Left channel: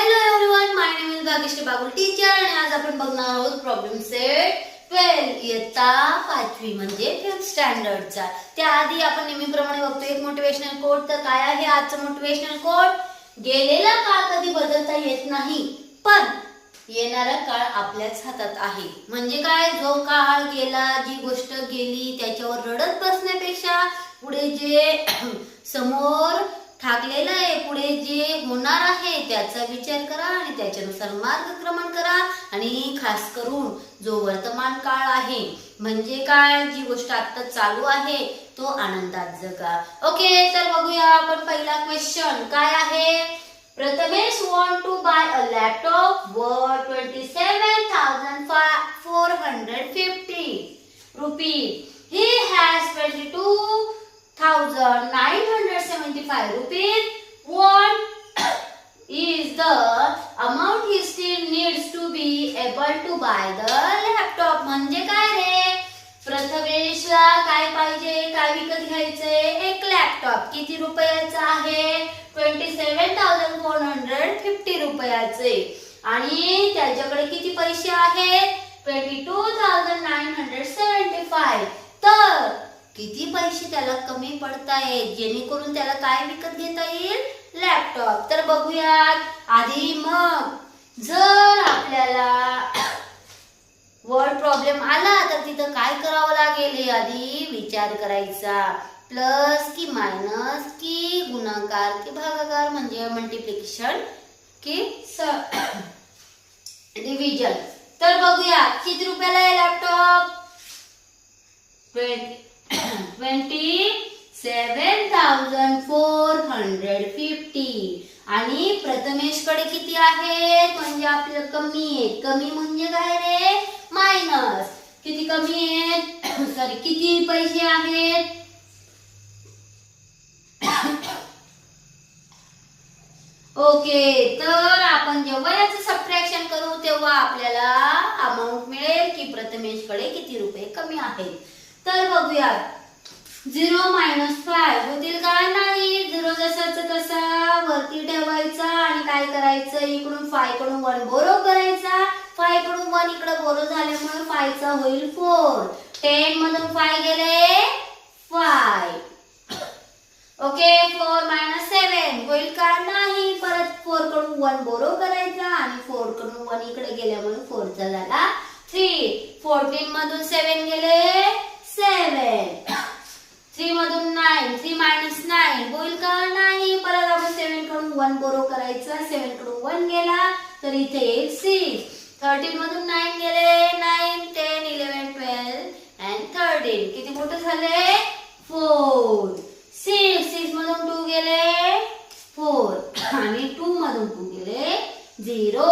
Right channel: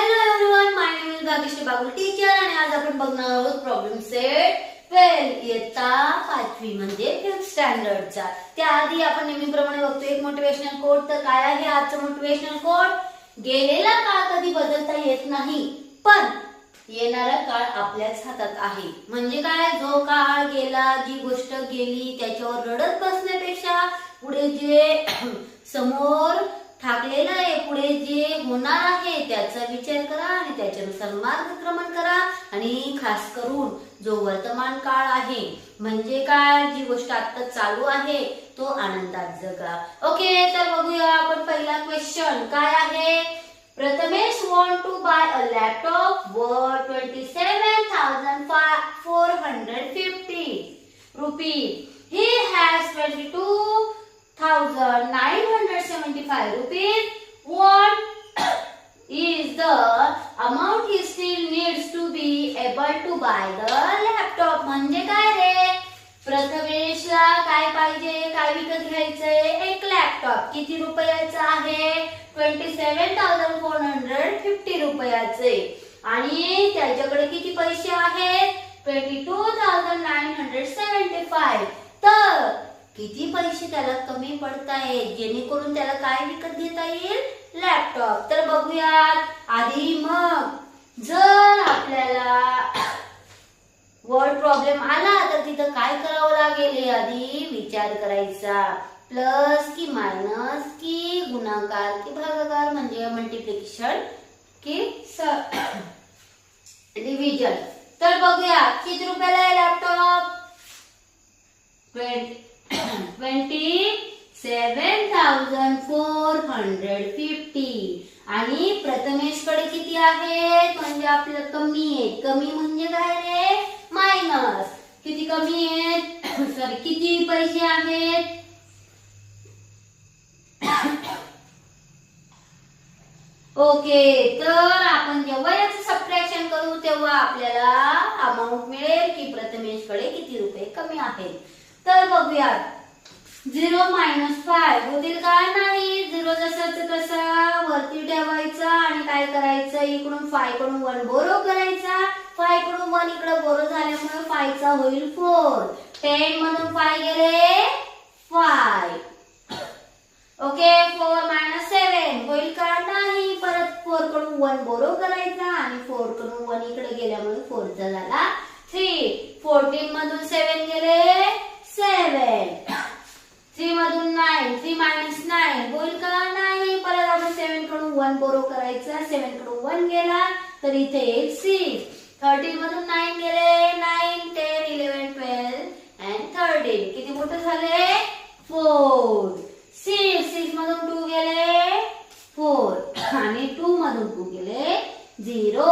Hello everyone, my name is Bhagyashree Bagul teacher आणि आज आपण बघणार आहोत प्रॉब्लेम सेट 12 इयत्ता 5वी म्हणजे 5th स्टँडर्डचा। त्याआधी आपण नेहमीप्रमाणे बघतो एक मोटिवेशनल कोट। तर काय आहे आजचं मोटिवेशनल कोट? गेलेला काळ कधी बदलता येत नाही, पण येणारा काळ आपल्याच हातात आहे। म्हणजे काय, जो काळ गेला, जी गोष्ट गेली त्याच्यावर रडत बसण्यापेक्षा पुढे जे समोर ठाकलेलं आहे, पुढे जे होणार आहे त्याचा विचार करा आणि त्याच्यानुसार मार्गक्रमण करा। आणि खास करून जो वर्तमान काळ आहे म्हणजे काय, जी गोष्ट आता चालू आहे तो आनंदात जगा। ओके, तर बघूया आपण पहिला क्वेश्चन काय आहे। Prathamesh want to buy a laptop worth 27,450 rupees. He has 22,975 rupees. What is the amount he still needs to be able to buy the laptop? म्हणजे काय रे, प्रथमेशला काय पाहिजे, काय विकत घ्यायचंय? एक लॅपटॉप। किती रुपयाचा आहे? 27,450 रुपयाचे। आणि त्याच्याकडे किती पैसे आहेत? 22,975। तर किती पैसे त्याला कमी पडतायत जेणेकरून त्याला काय विकत घेता येईल? लॅपटॉप। तर बघूयात आधी। मग जर आपल्याला वर्ड प्रॉब्लेम आला तर तिथं काय करावं लागेल हे आधी विचार करायचा। प्लस की मायनस की गुणाकार की भागाकार म्हणजे मल्टिप्लिकेशन की डिव्हिजन। तर बघूया किती रुपयाला आहे लॅपटॉप? 27,450। आणि प्रथमेश कडे किती आहेत? म्हणजे आपल्याला कमी आहेत। कमी म्हणजे काय रे? मायनस। किती कमी आहेत? सॉरी, किती पैसे आहेत? ओके, तर आपण जेव्हा याचं सबट्रॅक्शन करू तेव्हा आपल्याला अमाउंट मिळेल की प्रथमेश कडे किती रुपये कमी आहेत। तर बघूया 0 - 5 होतील का? नाही। 0 जसाचा तसा वरती ठेवायचा आणि काय करायचं, इकडून 5 कडून 1 बोरो करायचा। 5 कडून 1 इकडे बोरो झाल्यामुळे 5 चा होईल 4। 10 मधून 5 गेले 5। ओके, 4 - 7 होईल का? नाही। परत 4 कडून 1 बोरो करायचा आणि 4 कडून 1 इकडे गेल्यामुळे 4 चा झाला 3। 14 मधून 7 गेले 7। 3 मधून 9, 3 - 9 होईल का? नाही। परत आपण 7 कडून 1 बोरो करायचा। 7 कडून 1 गेला तर इथे येईल 6। 13 मधून 9 गेले 9, 10, 11, 12 and 13। किती मोठे झाले? 4। 6 मधून 2 गेले 4 आणि 2 मधून 2 गेले 0।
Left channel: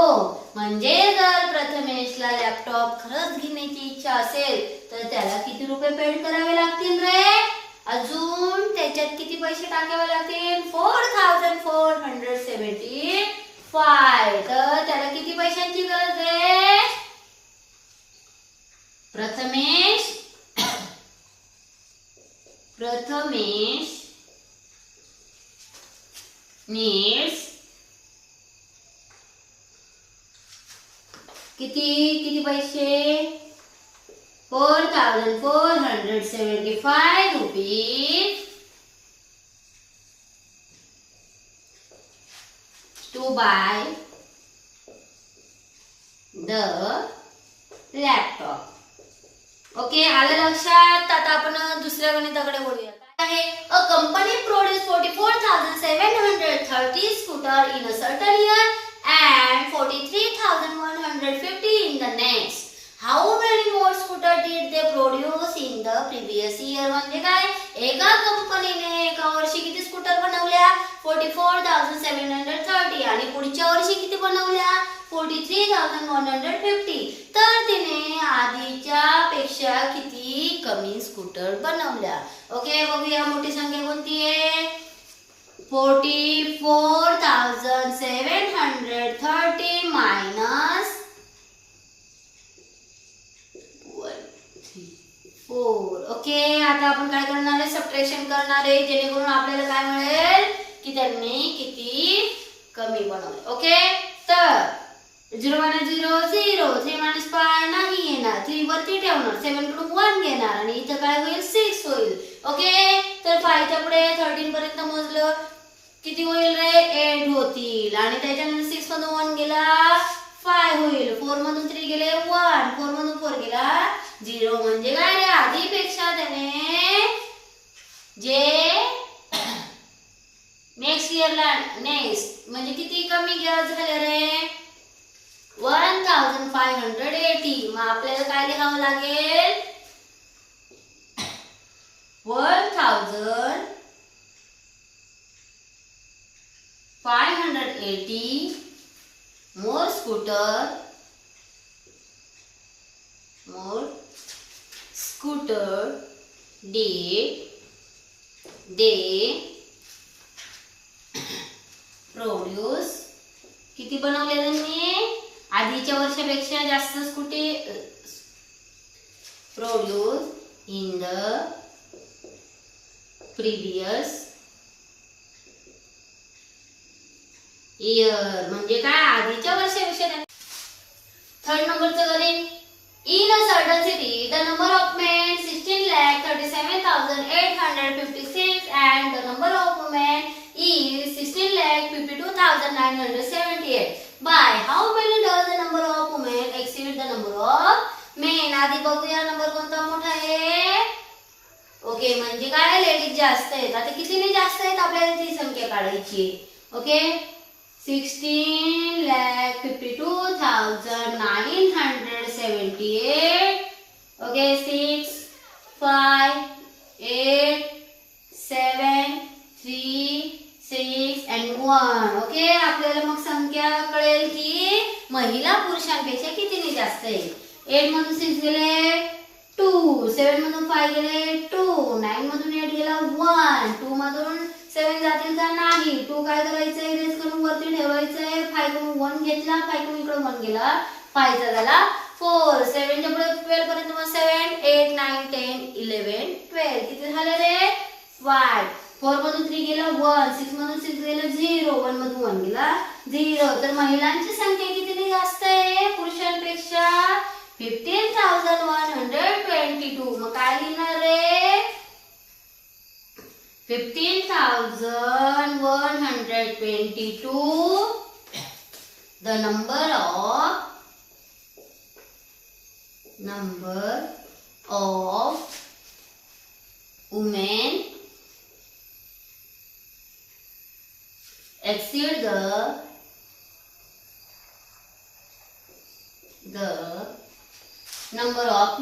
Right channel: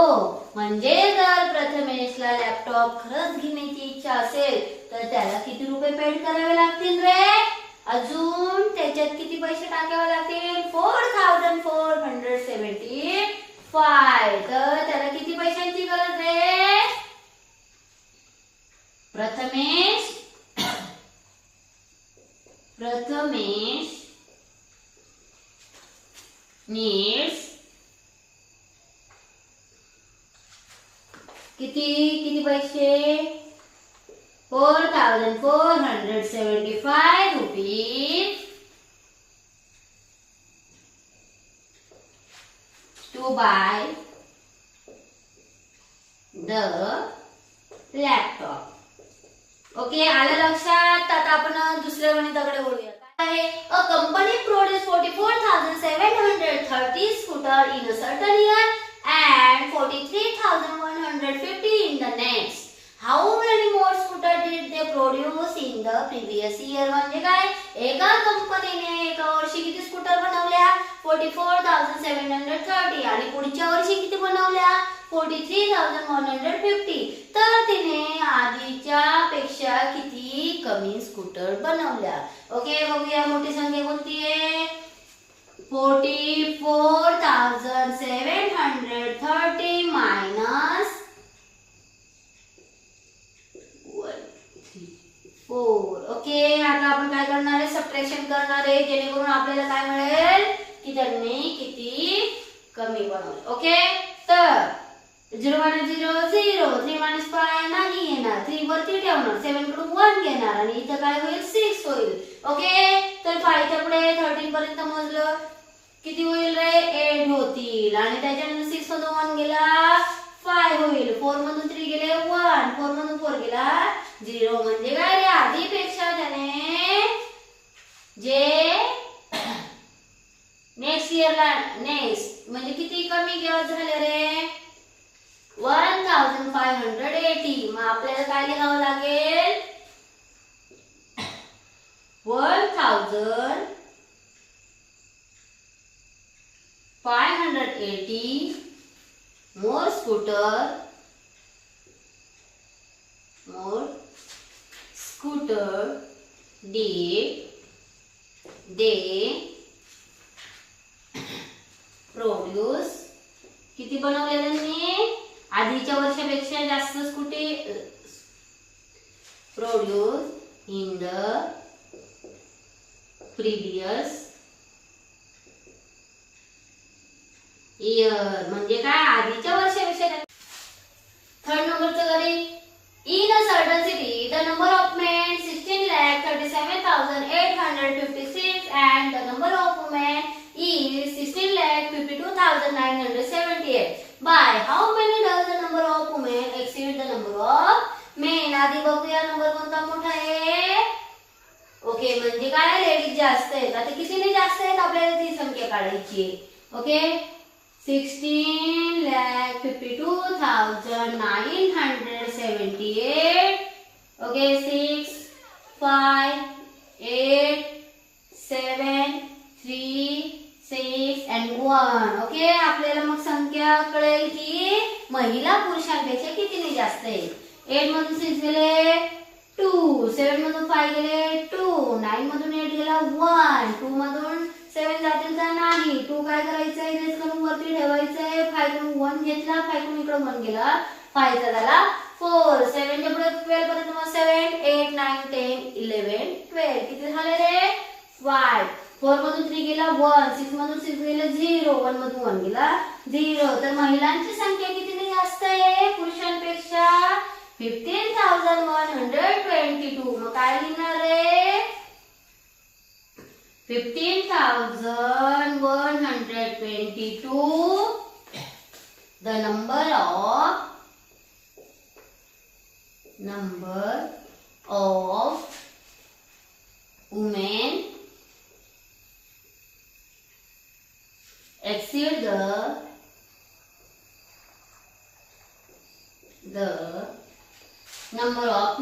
म्हणजे जर प्रथमेशला लॅपटॉप खरंच घेण्याची इच्छा असेल तर त्याला किती रुपये पेड करावे लागतील रे? अजून त्याच्यात किती पैसे टाकावे लागतील? 4,475। तर त्याला किती पैशांची गरज आहे? प्रथमेश needs किती पैसे? 4,475 rupees to buy the laptop. Okay, आलं लक्षात? आता आपण दुसऱ्या गणिताकडे वळूया। काय आहे? A company produce 44,730 scooter in a certain year and 43,150 in the next. How many more scooter did they produce in the previous year? म्हणजे काय, एका कंपनीने एका वर्षी किती स्कूटर बनवल्या? 44,730 आणि पुढच्या वर्षी किती बनवल्या? 43,150। तर तिने आधीच्या पेक्षा किती कमी स्कूटर बनवल्या। ओके, बघूया मोठी संख्या कोणती आहे? 44,730 मायनस 4। ओके, आता आपण काय करणार आहे? सबट्रॅक्शन करणार आहे जेणेकरून आपल्याला काय मिळेल की त्यांनी किती कमी बनवले। ओके, तर 0 - 0 0, 3 - 5 नाही येणार, 3 वरती ठेवणार, 7 कडून 1 घेणार आणि इथं काय होईल 6 होईल. ओके, तर 5 च्या पुढे 13 पर्यंत मोजलं किती होईल रे 8 होतील आणि त्याच्यामध्ये 6 मधून 1 गेला 5 होईल, 4 मधून 3 गेले 1, 4 मधून 4 गेला 0 म्हणजे काय रे आधीपेक्षा त्याने जे नेक्स्ट इयरला नेक्स्ट म्हणजे किती कमी झाले रे 1580. मग आपल्याला काय लिहावं लागेल 1580 more scooter did they produce. किती बनवले त्यांनी आधीच्या वर्षापेक्षा जास्त scooty produce in the previous year म्हणजे काय आधीच्या वर्षापेक्षा. थर्ड नंबरचं करेन in a certain city the number of main 16,37,856 and the number of women is 16,52,978. By how many does the number of women exceed the number of men? आधी बघूया number कोणता मोठा आहे. ओके म्हणजे काय लेडीज जास्त आहेत. आता कितीने जास्त आहेत आपल्याला ती संख्या काढायची. ओके 16,52,978. Okay 6 5 8 7 3 6 and 1. ओके आपल्याला मग संख्या कळेल की महिला पुरुषांपेक्षा कितीने जास्त आहे. 8 मधून 6 गेले 2, 7 मधून 5 गेले 2, 9 मधून 8 गेला 1, 2 मधून 7 जातील का नाही. 2 काय करायचंय इरेज करून वरती ठेवायचंय. 5 कडून 1 घेतला, 5 कडून इकडे 1 गेला, 5 चा झाला 4. 7 च्या पुढे 12 पर्यंत मग 7 8 9 10 11 12 किती झाले रे 5. 4 मधून 3 गेला 1, 6 मधून 6 गेला 0, 1 मधून 1 गेला 0. तर महिलांची संख्या कितीने जास्त आहे पुरुषांपेक्षा 15,122. मग काय लिहिणार रे 15,122 the number of women exceed the number of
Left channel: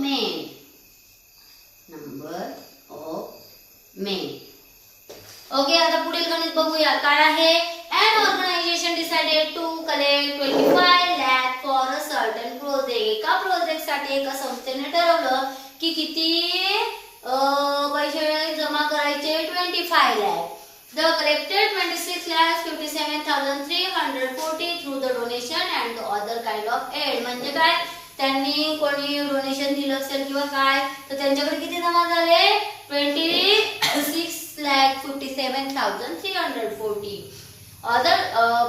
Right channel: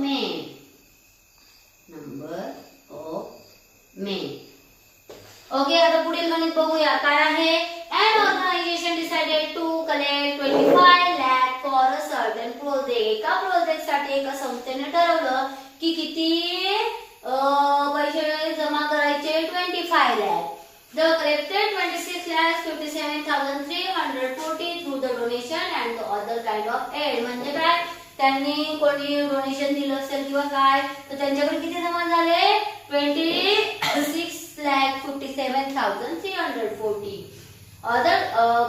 men. Okay आता पुढील गणित बघूया काय आहे. An organization decided to collect 25 lakh for a certain project. एका प्रोजेक्ट साठी एका संस्थेने ठरवलं की किती पैसे जमा करायचे 25 lakh. The collected 26,57,340 through the donation and the other kind of aid. म्हणजे काय त्यांनी कोणी डोनेशन दिलं असेल किंवा काय तर त्यांच्याकडे किती जमा झाले 26,57,340. Other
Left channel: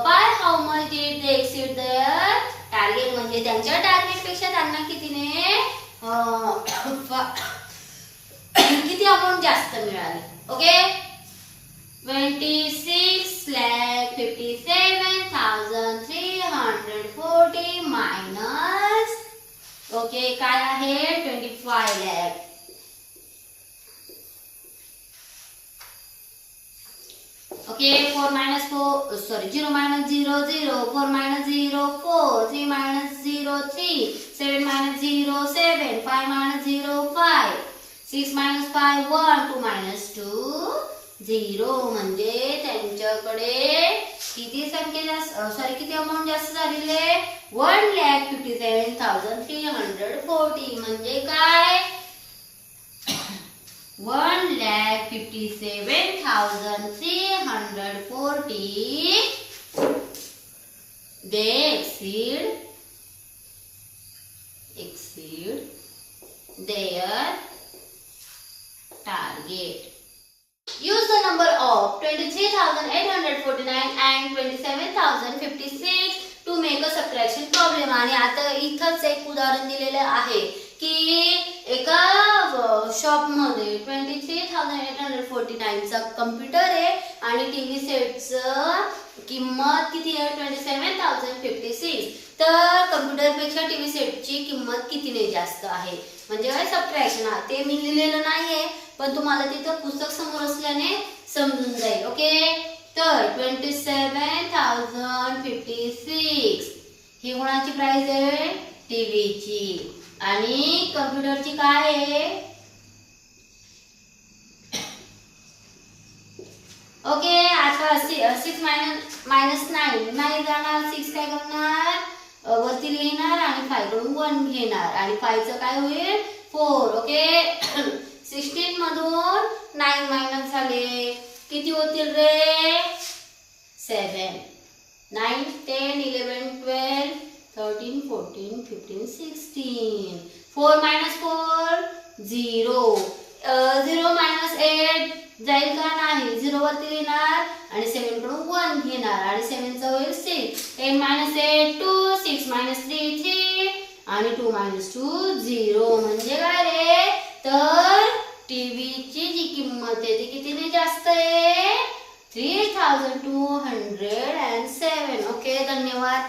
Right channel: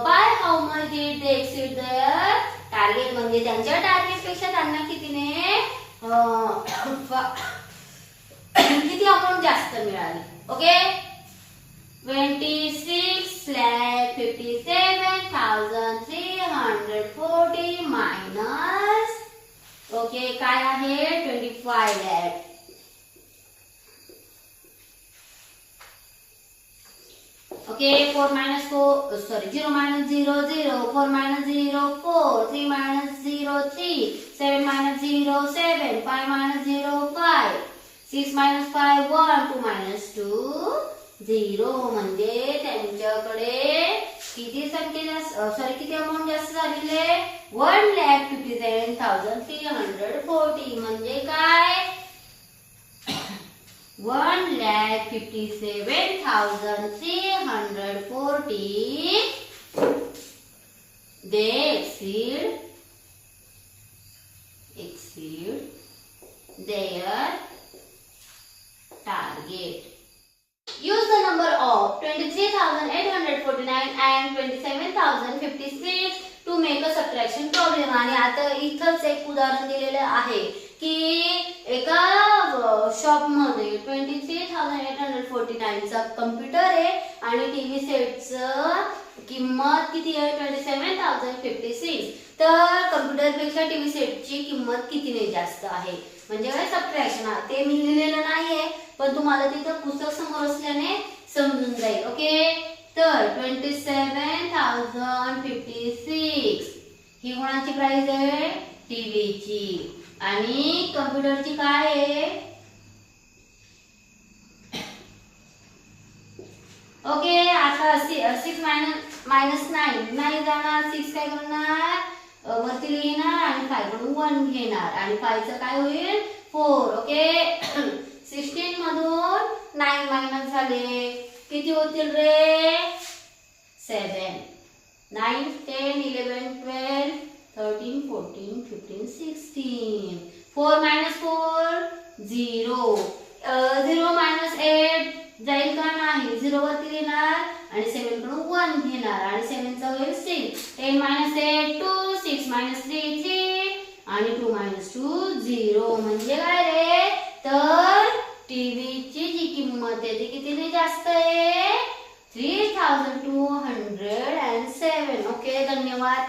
by how much did they exceed their target? म्हणजे त्यांच्या टार्गेट पेक्षा त्यांना कितीने किती अमाउंट जास्त मिळाली. ओके 26,57,340 मायनस ओके काय आहे 25 lakh. Okay 4 minus 4 sorry 0 minus 0 0, 4 minus 0 4, 3 minus 0 3, 7 minus 0 7, 5 minus 0 5, 6 minus 5 1, 2 minus 2 0. म्हणजे त्यांच्याकडे किती संख्या जास्त सॉरी किती अमाउंट जास्त झालेले 1,57,340. म्हणजे काय 1,57,340 they exceed their target. Use the number of 23,849 and 27,056 to make a subtraction problem. आणि आता इथंच एक उदाहरण दिलेलं आहे की एका शॉपमध्ये 23,849 चा कम्प्युटर आहे आणि टीव्ही सेटचं किंमत किती आहे 27,056. तर कम्प्युटर पेक्षा टीव्ही सेटची किंमत कितीने जास्त आहे. म्हणजे सबट्रॅक्शन आहे ते मी लिहिलेलं नाहीये पण तुम्हाला तिथं पुस्तक समोर असल्याने समजून जाईल. ओके, तर 27,056 ही कोणाची प्राइस आहे टीव्हीची आणि कम्प्युटरची काय आहे. ओके, आता 6 मायनस 9 नाही जाणार. 6 काय करणार वरती लिहिणार आणि 5 कडून 1 घेणार आणि 5 चं काय होईल 4. ओके 16 मधून 9 मायनस झाले किती होतील रे 7. 9 10 11 12 13 14 15 16. 4 minus 4 0. 0 minus 8 जाईल का नाही. 0 वरती लिहिणार आणि 7 कडून 1 घेणार आणि 7 चा होईल 6. 10 minus 8 2. 6 minus 3 3 आणि 2 minus 2 0. म्हणजे काय रे तर टीव्हीची जी किंमत आहे ती कितीने जास्त आहे 3,207. ओके, धन्यवाद.